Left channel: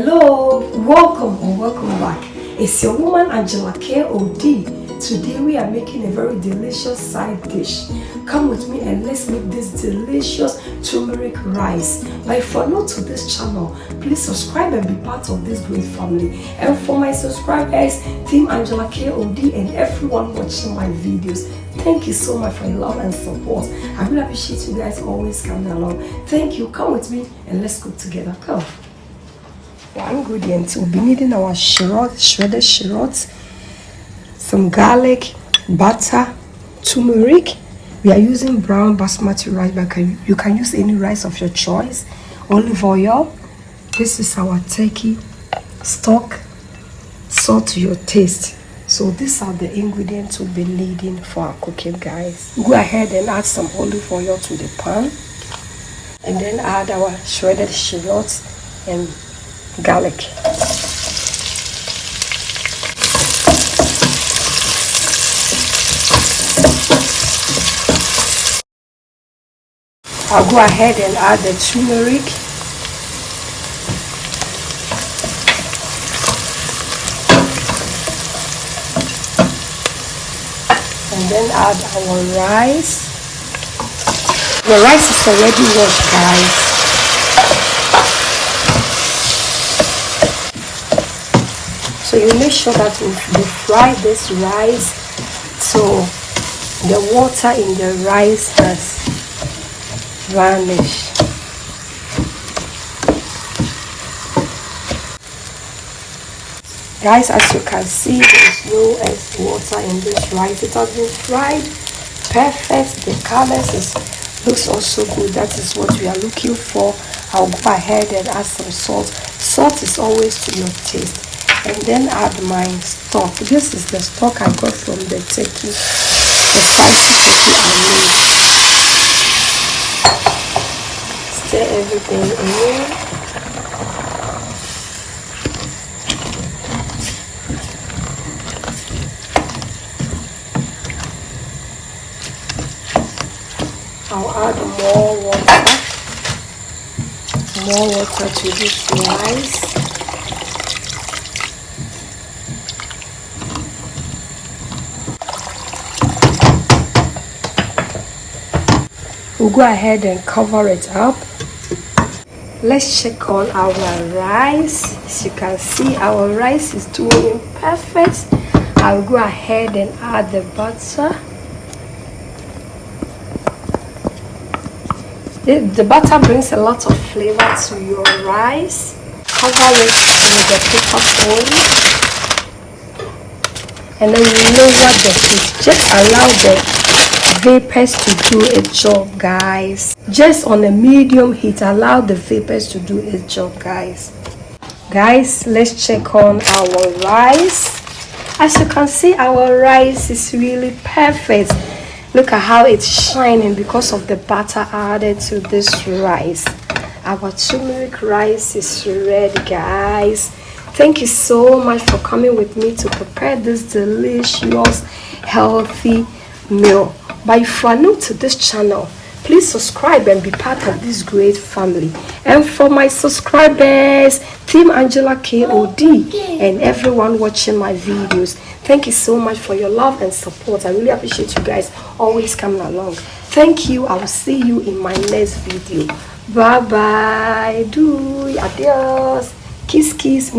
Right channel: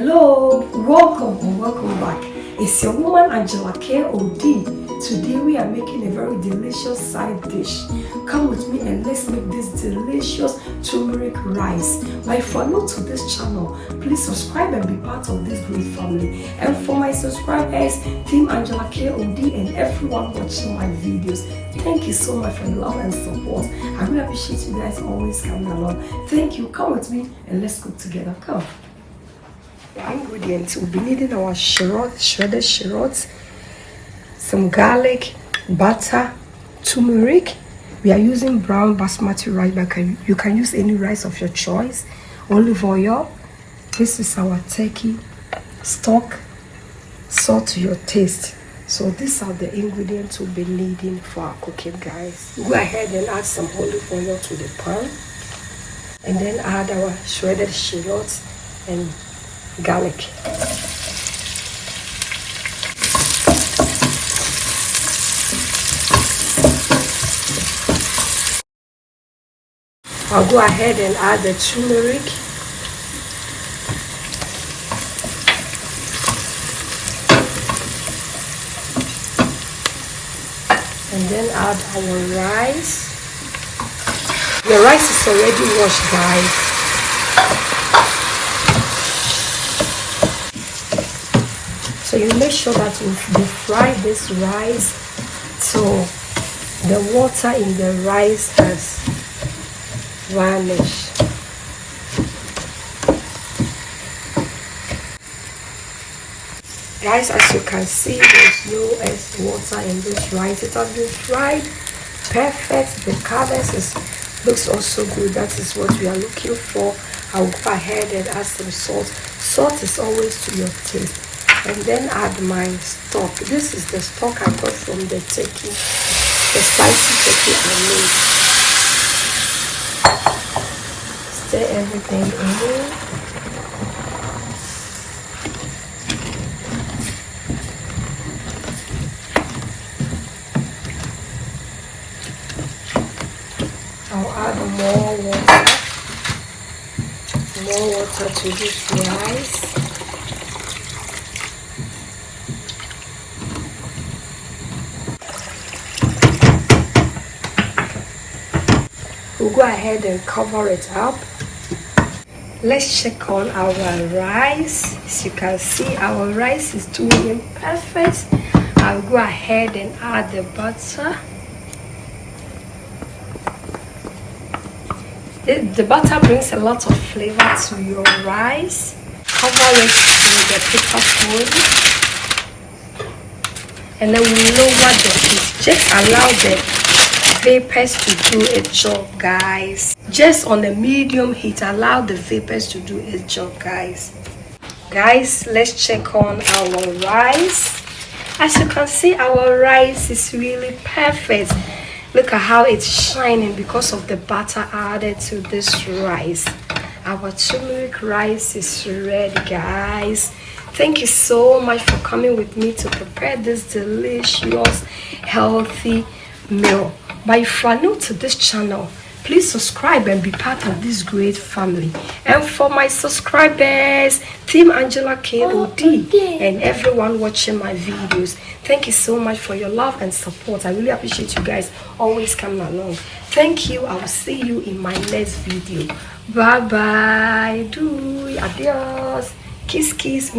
Hello, welcome back. It's your woman Angela KOD. Today we are making a very delicious side dish. Come with me and let's make this delicious turmeric rice. But if you're new to this channel, please subscribe and be part of this great family. And for my subscribers, Team Angela KOD and everyone watching my videos, thank you so much for your love and support. I really appreciate you guys always coming along. Thank you. Come with me and let's cook together. Come. The ingredients, we'll be needing our shallot, shredded shallots, some garlic, butter, turmeric. We are using brown basmati rice, but you can use any rice of your choice. Olive oil. This is our turkey stock. Salt to your taste. So these are the ingredients we'll be needing for our cooking, guys. Go ahead and add some olive oil to the pan, and then add our shredded shallots and garlic. I'll go ahead and add the turmeric. And then add our rice. The rice is already washed, guys. So you make sure that we fry this rice so the water in the rice has vanished. Guys, as you can see, there's no extra water in this rice. It has been fried perfect. The colors looks also good. That is what we are looking for. I'll go ahead and add some salt. Salt is always to your taste. And then add my stock. This is the stock I got from the turkey, the spicy turkey I made. Stir everything in. I'll add more water to this rice. We'll go ahead and cover it up. Let's check on our rice. As you can see, our rice is doing perfect. I'll go ahead and add the butter. The butter brings a lot of flavor to your rice. Cover it with the paper foil. And then lower the heat. Just allow the vapors to do its job, guys. Just on a medium heat, allow the vapors to do its job, guys. Guys, let's check on our rice. As you can see, our rice is really perfect. Look at how it's shining because of the butter added to this rice. Our turmeric rice is ready, guys. Thank you so much for coming with me to prepare this delicious, healthy meal. But if you are new to this channel, please subscribe and be part of this great family. And for my subscribers, Team Angela KOD and everyone watching my videos, thank you so much for your love and support. I really appreciate you guys always coming along. Thank you. I will see you in my next video. Bye bye. Adios. Kiss kiss.